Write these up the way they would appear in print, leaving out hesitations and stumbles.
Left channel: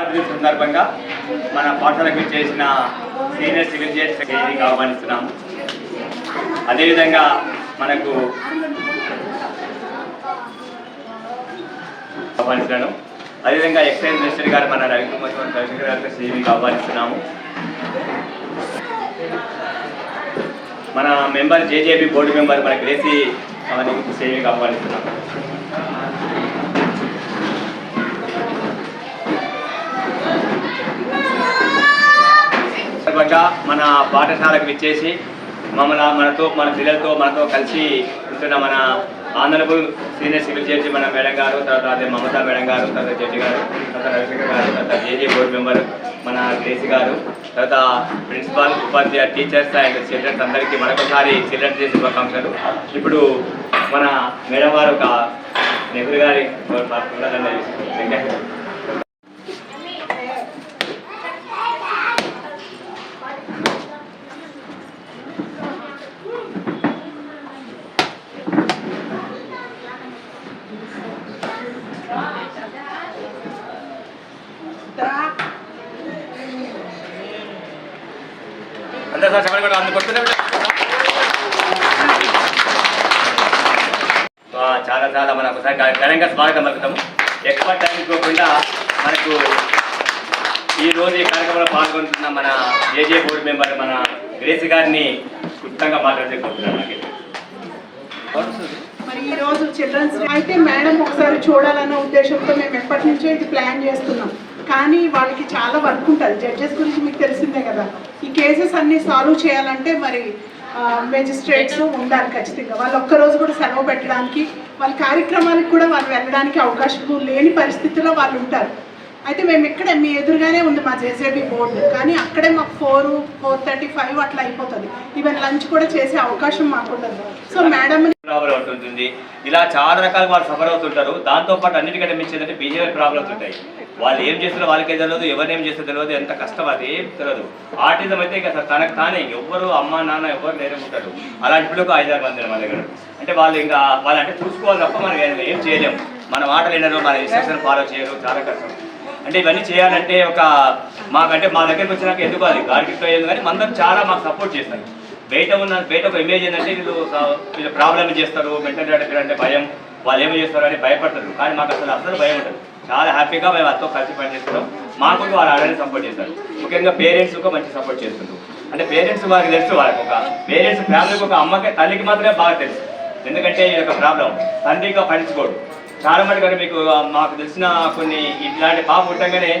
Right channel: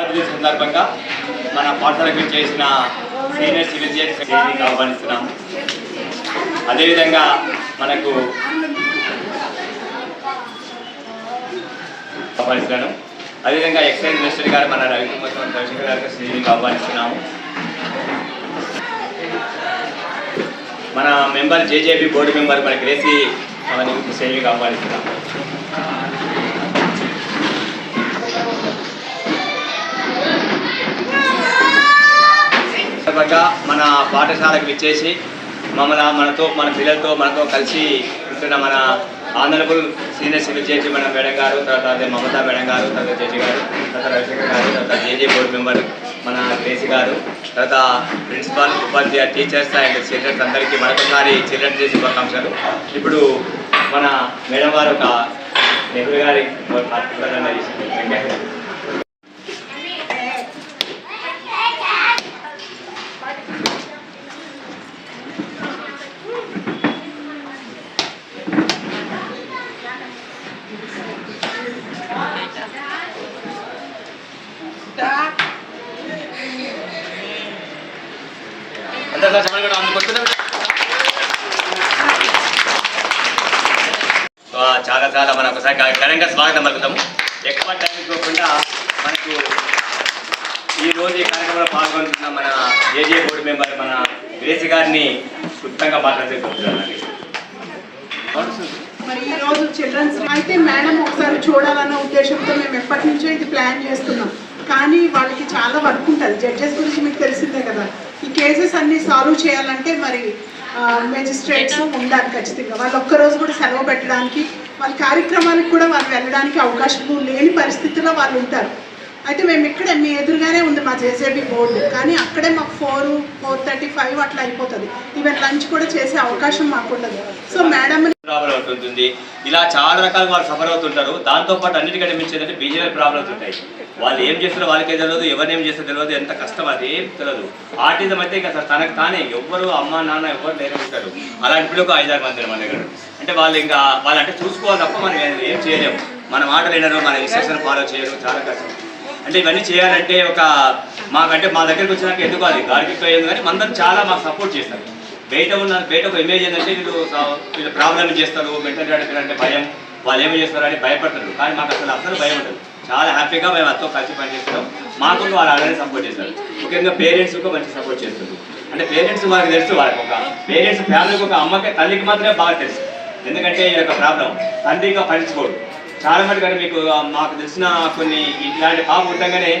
సందర్భంగా మన పాఠశాలకు చేసిన సీనియర్ సివిల్ జడ్జిని ఆహ్వానిస్తున్నాము. అదేవిధంగా మనకు ఆహ్వానిస్తున్నాను. అదేవిధంగా ఎక్సైజ్ మినిస్టర్ గారు మన రవికుమార్ రవిశంకర్ గారికి శ్రీని ఆహ్వానిస్తున్నాము. మన మెంబర్ జేజేబీ బోర్డు మెంబర్ మన గ్రేసీ అవన్నీ శ్రీని ఆహ్వానిస్తున్నాము. మన పాఠశాలకు విచ్చేసి మన పిల్లలతో మనతో కలిసి ఉంటున్న మన ఆనరబుల్ సీనియర్ సివిల్ జడ్జి మన మేడం గారు, తర్వాత అదే మమతా మేడం గారు, తర్వాత జడ్జి గారు, తర్వాత రవిశంకర్ గారు, తర్వాత జేజే బోర్డు మెంబర్ మన కేసీ గారు, తర్వాత principal, Upadhyaya, teachers and children's అందరికీ మరొకసారి చిల్డ్రన్స్ డే శుభాకాంక్షలు. ఇప్పుడు మన మేడం గారు ఒక నెహ్రూ గారి చాలా మనం ఒకసారి ఘనంగా స్వాగతం పలుకుతాము. ఎక్కువ టైం ఇవ్వకుండా మనకు ఈరోజు ఈ కార్యక్రమంలో పాల్గొంటున్న మన జేజే బోర్డు మెంబర్ మన గ్రేసి గారిని క్లుప్తంగా మాట్లాడుతున్నాను. మరి ఈరోజు చిల్డ్రన్స్ అయితే మేడం ఒకసారి చూడాలన్న ఉద్దేశంతో మేము ఎప్పటి నుంచో ఇది ప్లాన్ చేస్తున్నాం. కానీ వాళ్ళకి చాలా వర్క్ ఉంటుంది. జడ్జెస్ గురించి మీకు తెలిసిందే కదా. ఈ కేసెస్ అన్నీ సాల్వ్ చేయాలంటే మరి మెజిస్ట్రేట్స్ ఉండాలి ఖచ్చితంగా. వాళ్ళు ఒక్కరోజు కూడా సెలవు పెట్టడానికి, వాళ్ళ కార్యక్రమాలకు కూడా వాళ్ళు వెళ్ళడానికి అవకాశం లేని పరిస్థితుల్లో వాళ్ళు ఉంటారు. అయితే మేము ఇక్కడే మీ ఎదురుగానే ఉంది మా జేజేబీ బోర్డు, కానీ అక్కడే మాకు 4:35 అట్లా అయిపోతుంది. ఈవెన్ లంచ్ కూడా చేసే అవకాశం మాకు ఉండదు. సో మేడం ప్రాబ్లం ఉంటుంది, ఇలా చాలా రకాలుగా వాళ్ళు సఫర్ అవుతుంటారు. దాంతోపాటు అన్నిటికంటే మించిందంటే బిహేవియర్ ప్రాబ్లమ్స్ ఉంటాయి. వాళ్ళు ఏం చేస్తారో వాళ్ళకే తెలియదు, ఎవరినేం చేస్తారో తెలియదు, ఎంత కష్టం అది ఏం తెలియదు. ఆర్టిజం అయితే ఇంకా తనకు తానే ఎవ్వరు అమ్మ నాన్న ఎవరు నేనే ఉంటారు. అలాంటి పిల్లలకు 5-6 మంది మన దగ్గర. అంటే వాళ్ళు ఇంకా వాళ్ళంటే చూసుకోవాలి తప్ప మనం ఏం చేయలేము. మన మాటలు వినరు, మన ఇన్స్ట్రక్షన్ ఫాలో చేయరు, చాలా కష్టం. అంటే ఇవన్నీ చేయాలంటే మాకంటే మా దగ్గరికి వచ్చినాక ఎందుకు అది గారికి అయ్యేది, కానీ అందరూ చాలా మాకు సపోర్ట్ చేస్తారు. బయట ఒక ఇమేజ్ ఏంటంటే వీళ్ళు ప్రాబ్లమ్ చేస్తారు, మెంటల్ డాక్టర్ అంటే భయం, వాళ్ళు ఏమి చేస్తారు అని భయపడతారు. కానీ మాకు అసలు భయం ఉంటుంది. చాలా హ్యాపీగా మేము అంతా కలిసి పనిచేస్తున్నాం. మాకు వాళ్ళు అలానే సపోర్ట్ చేస్తారు. ముఖ్యంగా పేరెంట్స్ కూడా మంచి సపోర్ట్ చేస్తారు. అంటే పేరెంట్స్ వాళ్ళకి తెలుసు, వాళ్ళకి ఒక పేరెంట్స్ ఫ్యామిలీకి ఒక అమ్మకి తల్లికి మాత్రమే బాగా తెలుసు. ఎందుకంటే ఈ యొక్క ప్రాబ్లం తండ్రిగా పనిచుకోడు. చాలా మంది కానీ మీకు మాకు తెలిసిన కొన్ని ఇలాంటి పాప ఉండగానే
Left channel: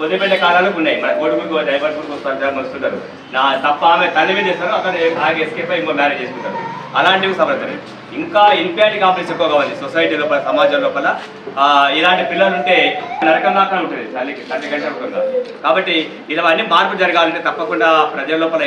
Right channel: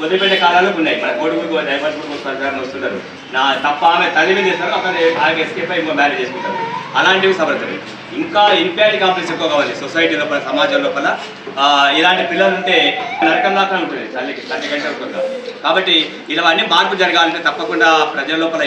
వదిలిపెట్టే కాలాలు ఉన్నాయి. మన కొడుకు డైవర్స్ వస్తుంటారు. నా తప్ప ఆమె తల్లి చేస్తారు, అతను ఆమె ఎస్కేప్ అయి ఇంకో మ్యారేజ్ చేసుకుంటారు. అలాంటివి సబడతారు. ఇంకా ఇన్క్వైరీ కాంప్లెక్స్ ఎక్కువ కావాలి సొసైటీ లోపల, సమాజం లోపల. ఇలాంటి పిల్లలు ఉంటే నరకం దాకా ఉంటుంది తల్లి కంటే ఎక్కువగా. కాబట్టి ఇలావన్నీ మార్పు జరగాలంటే తప్పకుండా ప్రజల లోపల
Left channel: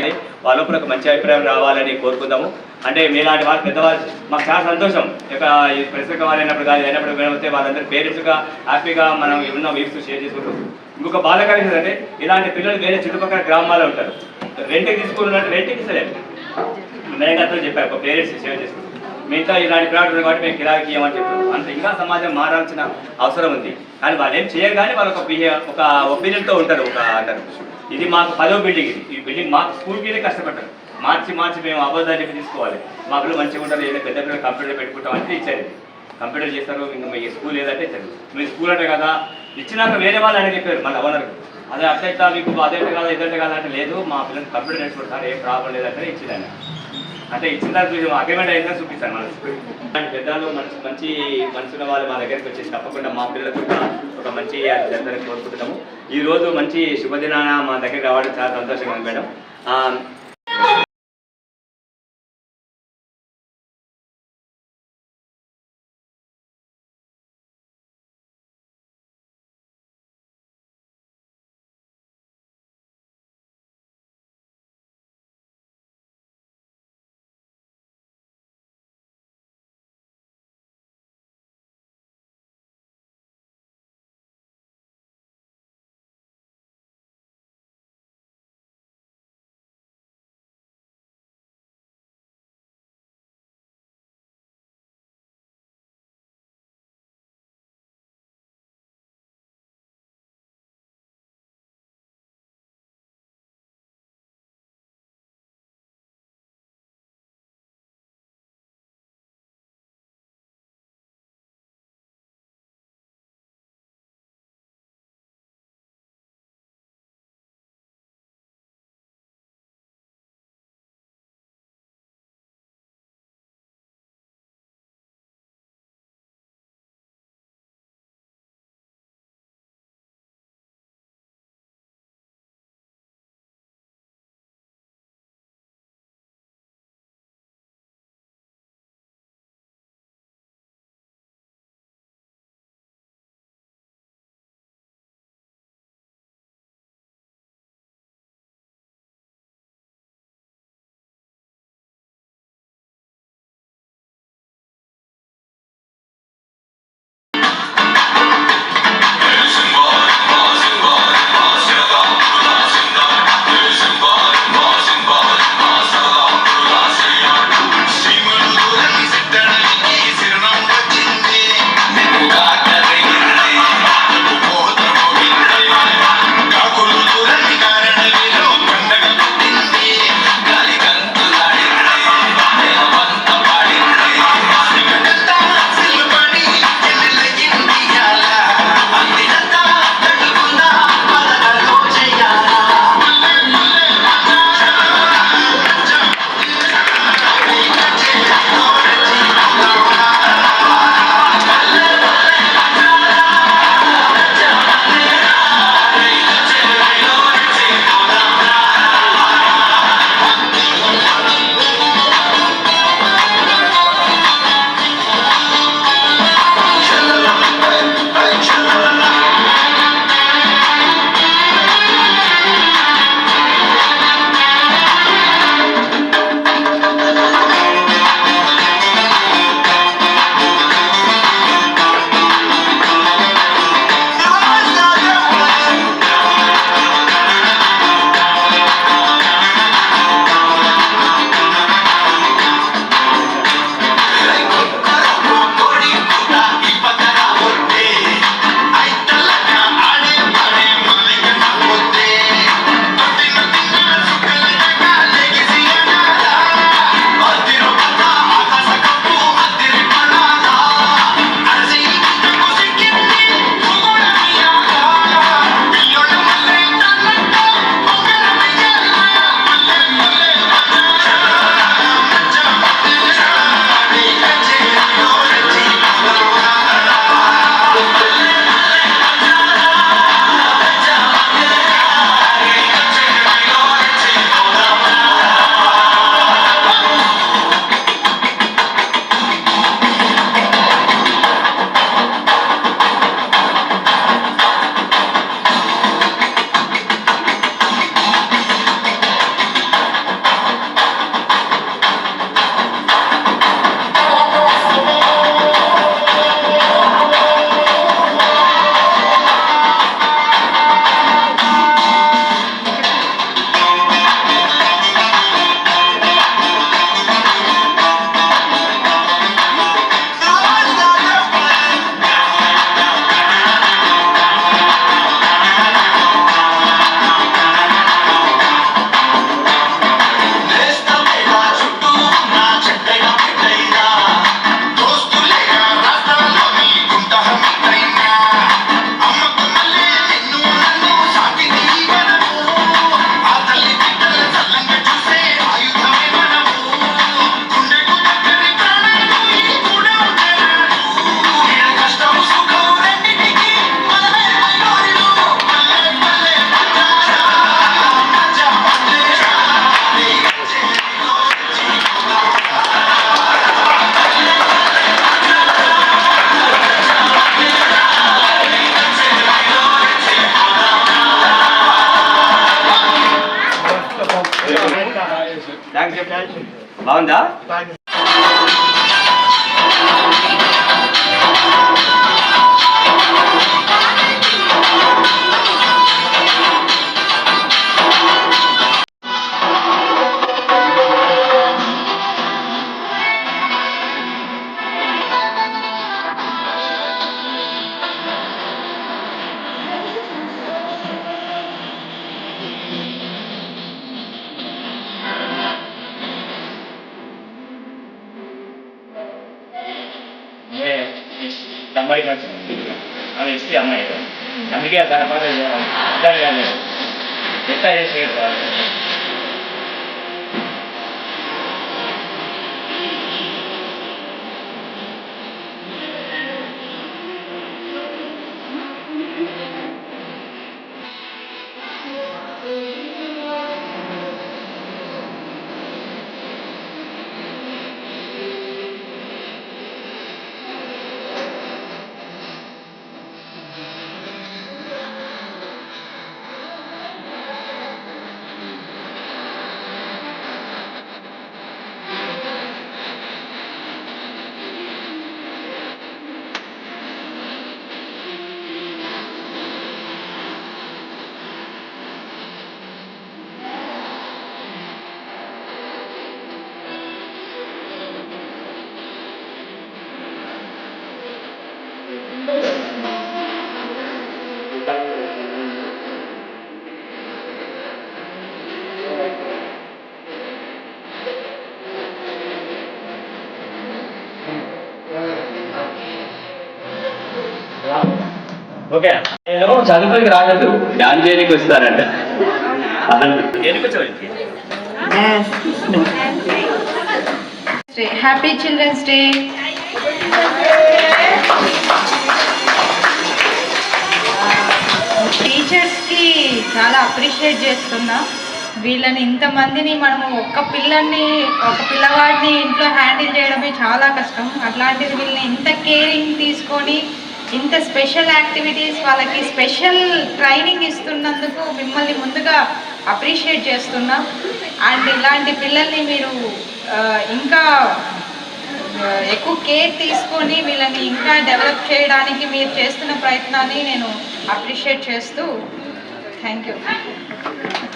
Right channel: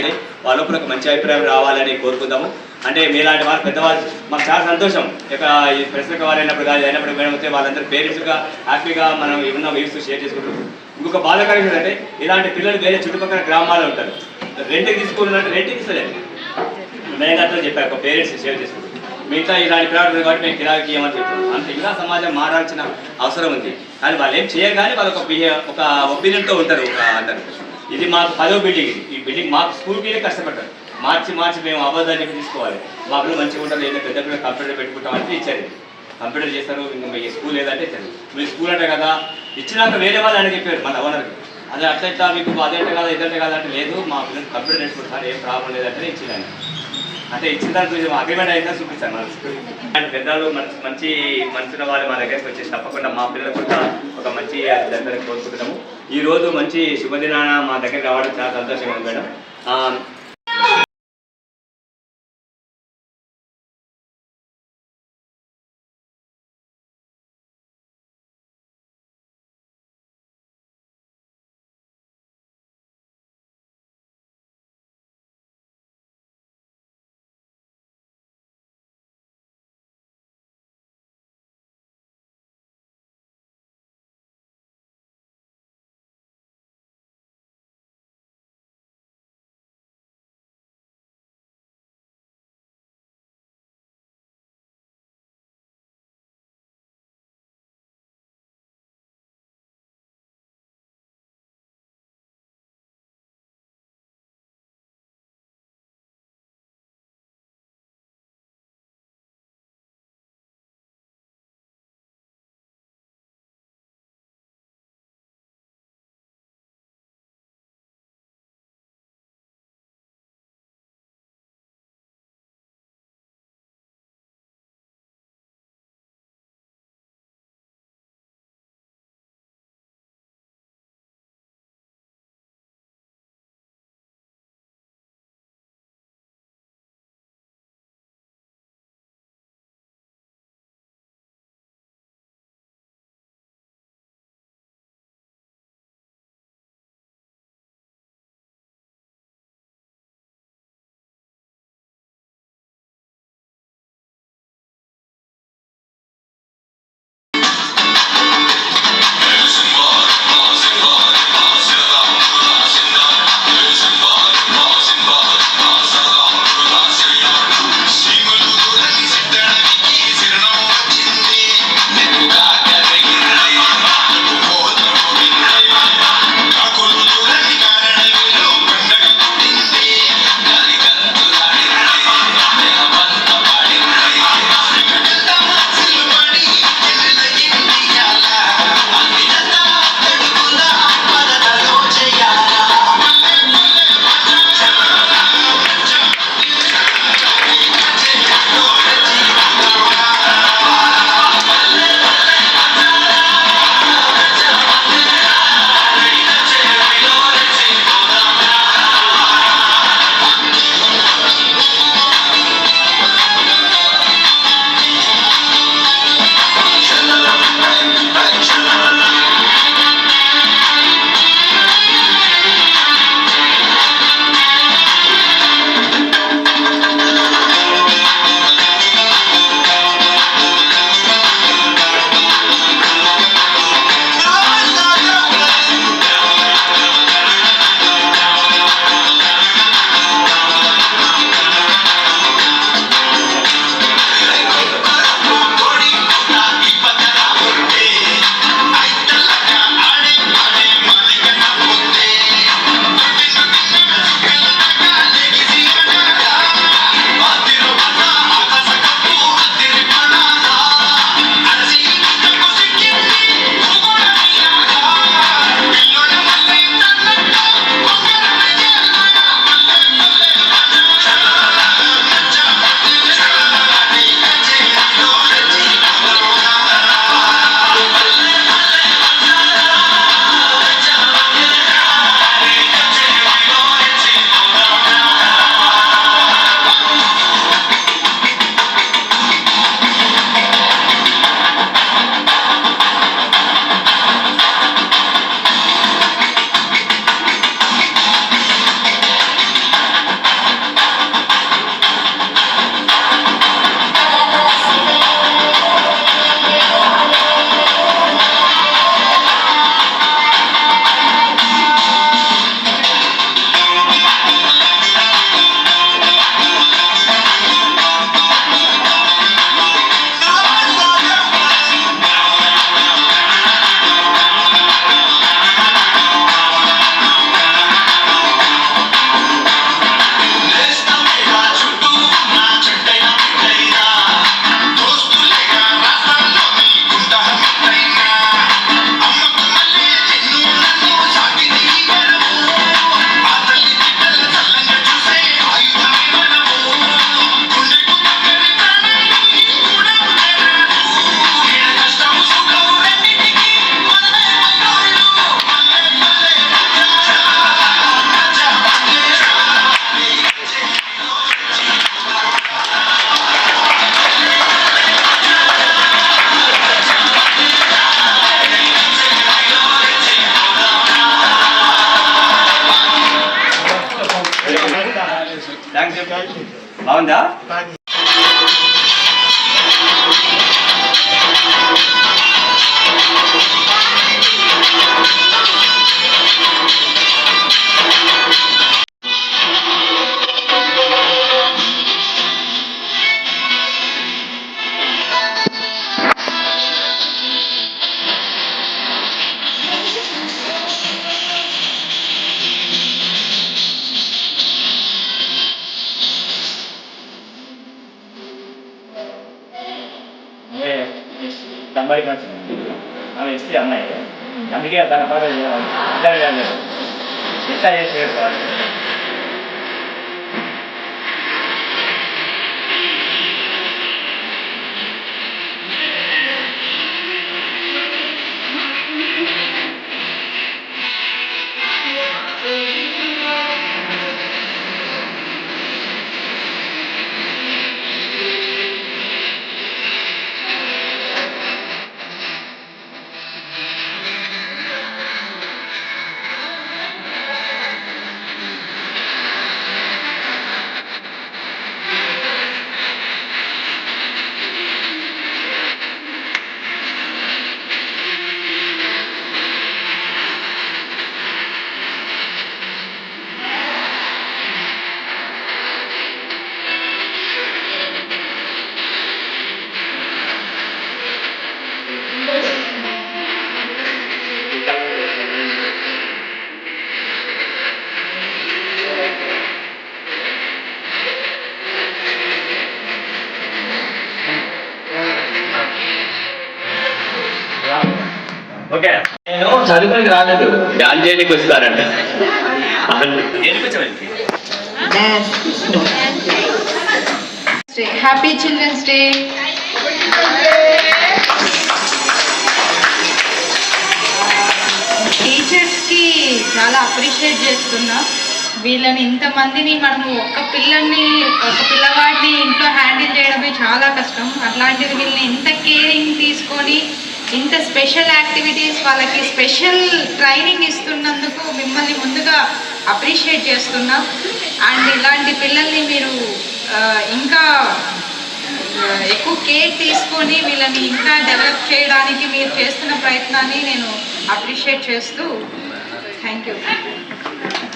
వాళ్ళ లోపల ఒక మంచి అభిప్రాయం రావాలని కోరుకుందాము. అంటే మీలాంటి వాళ్ళు పెద్దవాళ్ళు మాకు చాలా సంతోషం. ఇక ఈ ప్రశ్న వాళ్ళు అయినప్పుడు కానీ అయినప్పుడు మేమైతే వాళ్ళందరూ పేరెంట్స్గా హ్యాపీగా మనం ఉన్న వ్యూస్ షేర్ చేసుకుంటాం. ఇంకొక బాధకరం అంటే ఇలాంటి పిల్లలు వేరే చుట్టుపక్కల గ్రామాల్లో ఉంటారు. రెంట్కి తీసుకున్నట్టు రెంట్కి ఇస్తలేదు. మేఘాతో చెప్పారు ఒక పేరెంట్స్ షేర్ చేసుకుంటారు. మిగతా ఇలాంటి ప్రాడక్ట్ కాబట్టి మేము కిరాకి చేయమని చెప్తాం. అంటే ఇంకా సమాజం మారాల్సిన అవసరం ఉంది. కానీ వాళ్ళు ఏం చేయరు, కానీ వాళ్ళు ఒక ఒపీనియన్తో ఉంటారు. అంటారు ఇది మాకు 10వ బిల్డింగ్, ఈ బిల్డింగ్ మాకు స్కూల్కి కష్టపడ్డారు. మార్చి మేము అబద్ధాలు చెప్పి తీసుకోవాలి. మా పిల్లలు మంచిగా ఉంటారు, ఏదైనా పెద్ద పిల్లలు కంప్యూటర్ పెట్టుకుంటాం అంటే ఇచ్చారు. కంప్యూటర్ చేస్తారు, ఇంకా మీ స్కూల్ ఏదంటే ఇచ్చారు. మీరు స్కూల్ అంటే కదా ఇచ్చినాక వేరే వాళ్ళు అని చెప్పారు మన ఓనర్కి. అదే అట్లా ఇట్లా మీకు అదంటే కదా ఇదంటే కదా అంటే లేదు, మా పిల్లలు కంప్యూటర్ నేర్చుకుంటారు, ఏం ప్రాబ్లం లేదంటే ఇచ్చిందని. అంటే ఇచ్చిన దాంట్లో అగ్రిమెంట్ అయిందో చూపిస్తాను. మన పెద్దలు మంచి మనసున్న వాళ్ళు మా దగ్గరికి వచ్చేసి తప్పకుండా మా పిల్లలు కూడా ఒక మంచి జరగాలని కోరుకుంటున్నాము. ఈరోజు మంచి శుభదినాన మా దగ్గరికి రావడం చాలా సంతోషంగా ఉంది మేడం. థ్యాంక్స్ బాగుందా? అమ్మాయికి నచ్చింది ఆమె ఇస్తే అమ్మాయి అందుకే దాని పని ఇద్దరు కాదు ఎంత చేసి ఓకే నేను చదువుకోనికి రాలేదు డాన్స్ చేయడానికి వస్తారంట. ఏడిపించడానికి హ్యాపీ చిల్డ్రన్స్ డే. టీచర్స్కి చాలా అప్రిషియేట్ చేస్తున్నా. వీళ్ళని ఇంతమందిని మనము ఒక పిల్లవాడిని ఇంట్లో హ్యాండిల్ చేయడమే చాలా కష్టం. అట్లాంటిది వీళ్ళని ఇంత కేరింగ్ తీసుకొని ఇంత స్పెషల్ యాక్టివిటీస్ వాళ్ళకి స్పెషల్ ట్రైనింగ్ ఇస్తున్నందుకు మిమ్మల్ని ముందుగా అప్రిషియేట్ చేస్తున్నా. అండ్ ఇలాంటి పిల్లల్ని మీరు ఇంకా ఎక్కువ కేర్ తీసుకొని వీళ్ళని ఇంకా డెవలప్ చేయడానికి మీరు చేస్తున్న ప్రయత్నాన్ని నేను అప్రిషియేట్ చేస్తూ థ్యాంక్ యూ.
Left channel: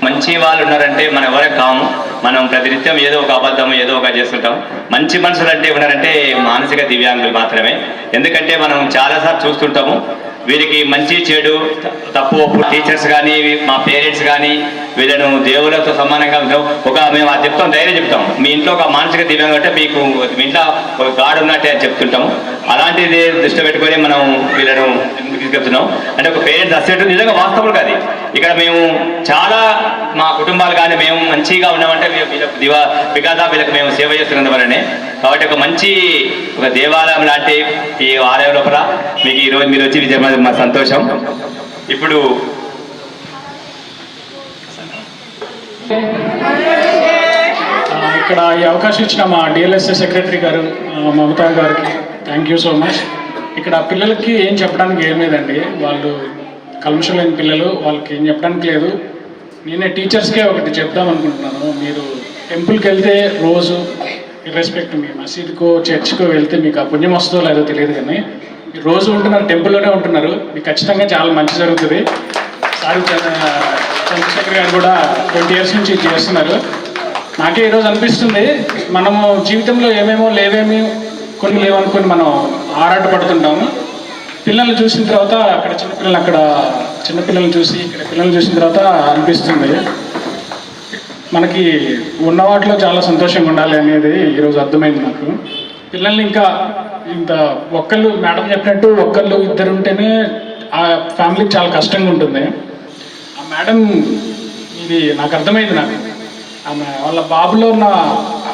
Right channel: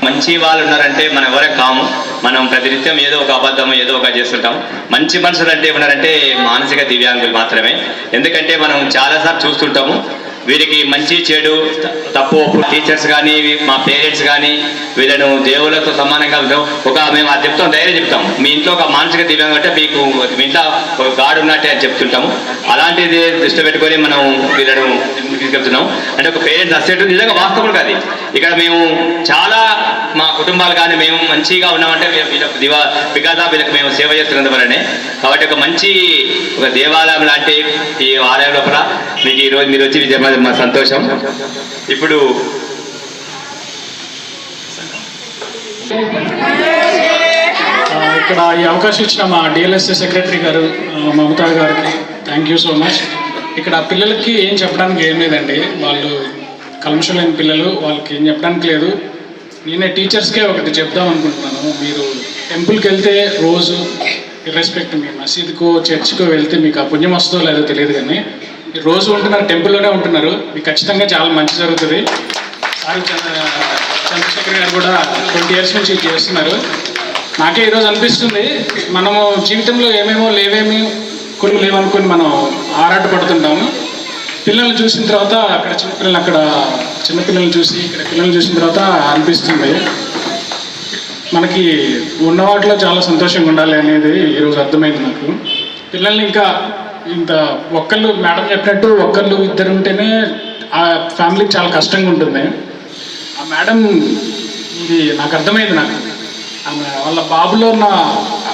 మంచి వాళ్ళు ఉన్నారంటే మనం ఎవరే కాము. మనం ప్రతినిత్యం ఏదో ఒక అబద్ధం ఏదో ఒక చేస్తుంటాం. మంచి మనుషులు అంటే ఉన్నారంటే మానసిక దివ్యాంగులు మాత్రమే. ఎందుకంటే మనం చాలాసార్లు చూస్తుంటాము వీరికి మంచి చెడు తప్పు ఒప్పు టీచర్స్ కానీ మా పేరెంట్స్ కానీ వీళ్ళను దేవులతో సమానంగా మేము అది చెప్తాం, ధైర్యం చెప్తాం. మీ ఇంట్లో ఒక మానసిక దివ్యాంగం అంటే మీకు మీ ఇంట్లో ఒక గాడ్ ఉన్నట్టే అని చెప్తుంటాము. అలాంటిది దృష్టి పెట్టుకొని మనం వీళ్ళను తీసుకెళ్తున్నాం. అంటే ఒక పేరెంట్స్ అసెట్ నిజంగా వాస్తవం కాదు. ఇక్కడ మేము చాలా మా కుటుంబాలు కానీ మేము మంచిగా ఉన్నామంటే వీళ్ళకి మేము సేవ చేస్తున్నందు వల్లనే. కాబట్టి ఒక మంచి ఒక దేవాలయం లాంటి ఈ ఆలయం లోపల మీకు ఈరోజు మీరు వచ్చి విజయ మా సంతోషం. ఇప్పుడు ఇక్కడ ఈ అవకాశం ఇచ్చిన మా డిఎల్ఎస్ఏ సెక్రటరీ గారు మమతా గారికి థ్యాంక్ యూ సో మచ్. ఇక్కడ పిల్లలకి ఏం చెప్పడానికి ఏం లేదండి. వాళ్ళు కల్మషం లేని పిల్లలు, వాళ్ళకి ఏం చెప్పడానికి లేదు. నేనే టీచర్స్కే ఒకటి చెప్దాం అనుకుంటున్నాను. మీరు టెంపుల్కి వెళ్తే రోజు ఇర్రెస్పెక్ట్ మీ మసీదుకో చర్చ్కో వెళ్తే మీకు ఆ పుణ్యం వస్తుందో లేదో తెలియదు, కానీ మీరు రోజు ఉంటున్నారు, టెంపుల్లోనే ఉంటున్నారు, మీకు ఖచ్చితంగా చాలా మంచి జరుగుతుంది. సార్ చంద్రశేఖర్ గారు కూడా 20 years నుంచి చేస్తున్నారు. నాకే ఈరోజు అనిపిస్తుంది మనము జీవితంలో ఏమేమో లేవేమి కొన్ని లేవనుకొని మనం ఆరాటపడుతుంటాము. పిల్లల్ని చూసిన తర్వాత చిన్నపిల్లల్ని చూసి ఇక్కడ పిల్లల్ని చూసిన తర్వాత అనిపిస్తుంది మనకి ఉన్న వాటిలో చాలా సంతోషంగా ఉండాలి అనేది ఈరోజు అర్థమైంది నాకు. పిల్లల్ని ఇంకా ఇంత ఒక్కళ్ళు మేడం చెప్పినట్టు ఒక్కళ్ళు ఇద్దరు ఉంటేనే ఆ ఫ్యామిలీకి చాలా కష్టంగా ఉంటుంది. ఆ మేడం ఇది నాకు అర్థమైంది. నాకు ఆమె వాళ్ళ బాబులో ఉన్న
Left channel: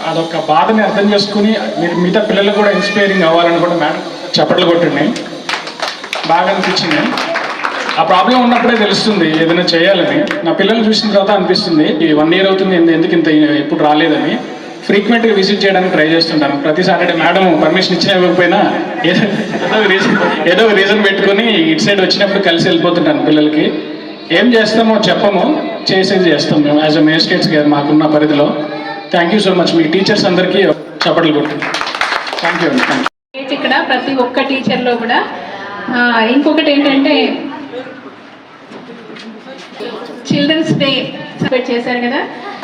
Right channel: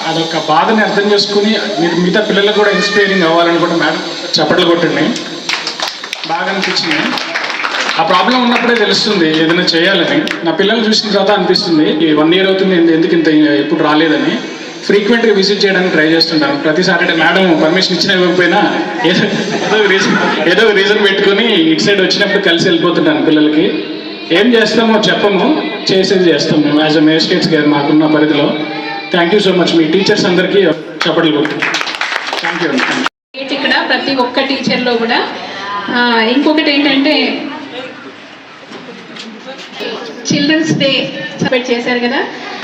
అదొక బాధని అర్థం చేసుకుని మీరు మిగతా పిల్లలకు కూడా ఇన్స్పైరింగ్ అవ్వాలని కూడా మేడం చప్పట్లు కొట్టింది. బాగా అనిపించింది. ఆ ప్రాబ్లం ఉన్నప్పుడే తెలుస్తుంది ఏదైనా చేయాలని. నా పిల్లలు చూసిన తర్వాత అనిపిస్తుంది ఈ 1 year అవుతుంది ఎందుకు ఇంత ఎప్పుడు రాలేదని. ఫ్రీక్వెంట్గా విజిట్ చేయడానికి ట్రై చేస్తుంటాను. ప్రతి సాటర్డే మేడం పర్మిషన్ ఇచ్చినా ఇవ్వకపోయినా ఏదో రీజన్ పెట్టుకొని ఇటు సైడ్ వచ్చినప్పుడు కలిసి వెళ్ళిపోతుంటాను. పిల్లలకి ఏం చేస్తామో చెప్పము, చేసేది చేస్తాం మేము యాజ్ అ మేజిస్ట్రేట్స్ గారు మాకున్న పరిధిలో. Thank you so much. Me teachers అందరికీ చప్పట్లు కొట్టి థ్యాంక్ యూ అండి. ఇక్కడ ప్రతి ఒక్క టీచర్లో కూడా ఇంకొకటి ఏంటంటే చిల్డ్రన్స్ డే సెలబ్రేట్ చేశారు కదా,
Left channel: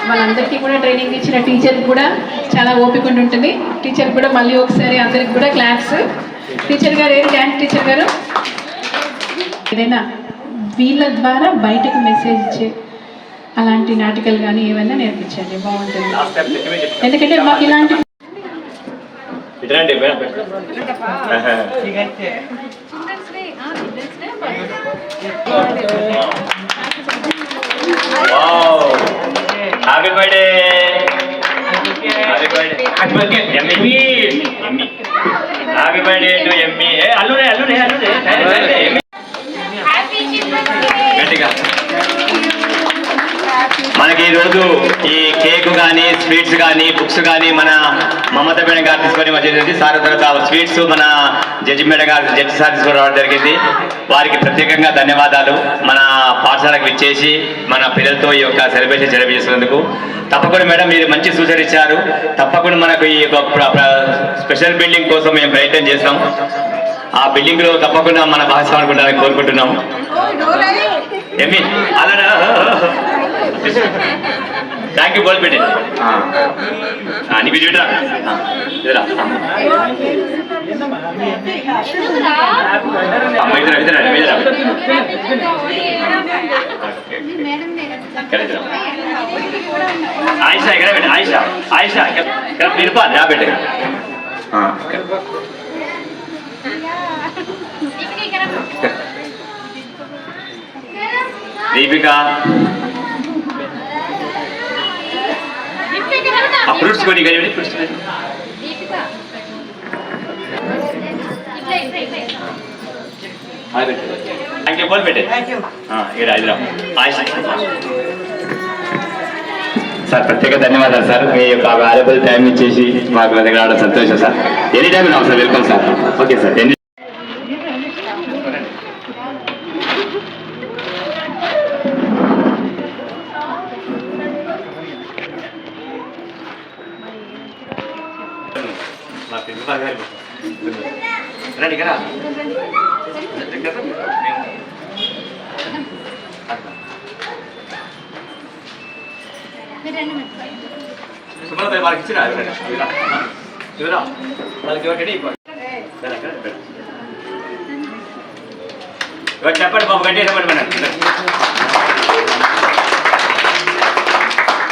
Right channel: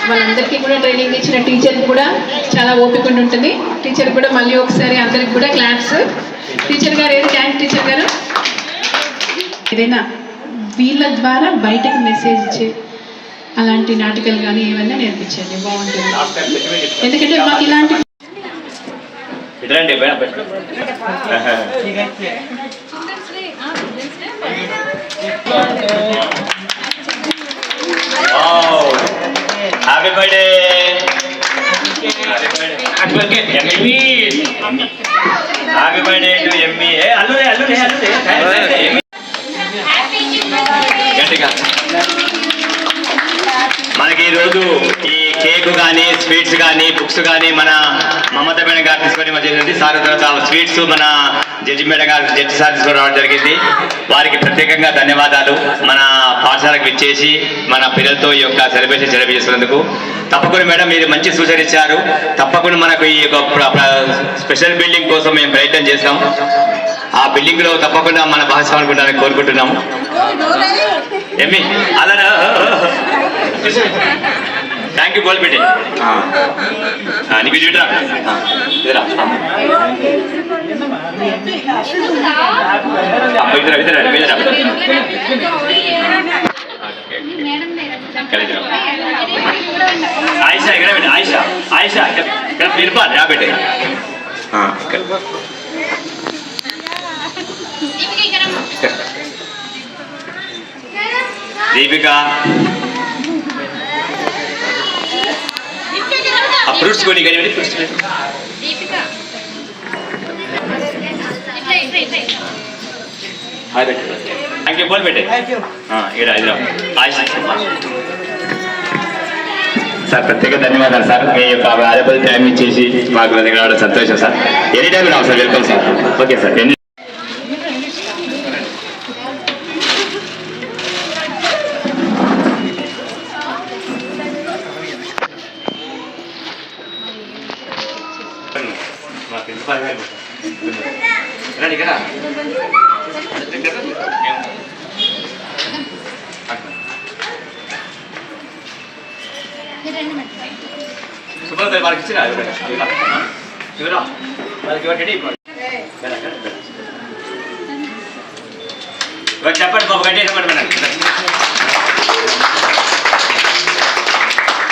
వాళ్ళందరికీ కూడా ట్రైనింగ్ ఇచ్చిన టీచర్ కూడా చాలా ఓపిక ఉంటుంది. టీచర్ కూడా మళ్ళీ ఒకసారి అందరికి కూడా క్లాప్స్. టీచర్ గారు ఏది థ్యాంక్ టీచర్ గారు. ఏదైనా వీళ్ళ ద్వారా బయటకు మెసేజ్ ఇచ్చే అలాంటి నాటికలు కానీ ఏమైనా నేర్పించండి, బాగుంటుంది. ఎందుకంటే మాకు ఇలాంటి ఇదండి happy birthday happy birthday to Emmy. అల్లుడే అల్లుడే అల్లుడే గట్టిగా. మనకి ఈరోజు ఈ కేక్ కానీ స్వీట్స్ కానీ బుక్స్ కానీ మన మమత మేడం గారు తీసుకొని వచ్చింది. సార్ తర్వాత స్వీట్స్ మన జడ్జి మేడం గారు జడ్జి సార్ తీసుకొని రావడం జరిగింది. వారికి ప్రత్యేకంగా ధన్యవాదాలు. మన పాఠశాలకు ఇచ్చేసి మన పిల్లలతో ఈ యొక్క సెలబ్రేషన్ చేసినందుకు. తప్పకుండా మేడం మీరు మంచి సూచన ఇచ్చారు. తప్పకుండా మనకు ఈ స్పెషల్ బిల్డింగ్ కోసం మేము ప్రయత్నం చేస్తాం. ఆ బిల్డింగ్ లో తప్పకుండా మన భాగస్వామి కోరుకుంటున్నాము. ఏమి అలా థ్యాంక్ యూ బోల్పెట్టి నీకు చూడరా ఆయిషా ఇక్కడ పెట్టి ఆయిషా ఆయిషా ఇక్కడ పిలుపాలి రా పెట్టి దీపిక ఆ ఫ్రూట్స్ కొని కానీ ఫ్రూట్స్ థ్యాంక్ యూ బోల్ పెట్టే ఇక్కడ ఆయిషా సార్ ప్రత్యేక ధన్యవాదాలు సార్. మీ యొక్క వాల్యుబుల్ టైం ఇచ్చేసి మాకు రావడం సంతోషం సార్. ఎనీ టైం నాకు sir welcome sir. Okay sir. మా ప్రిన్సిపాల్ గారు రండి ఇక్కడ సుబ్రత వారికి ఇచ్చిరా ఇవరా వాళ్ళకి ఇవ్వండి. చెప్పండి బాబు గట్టి చెప్పండి మేడం.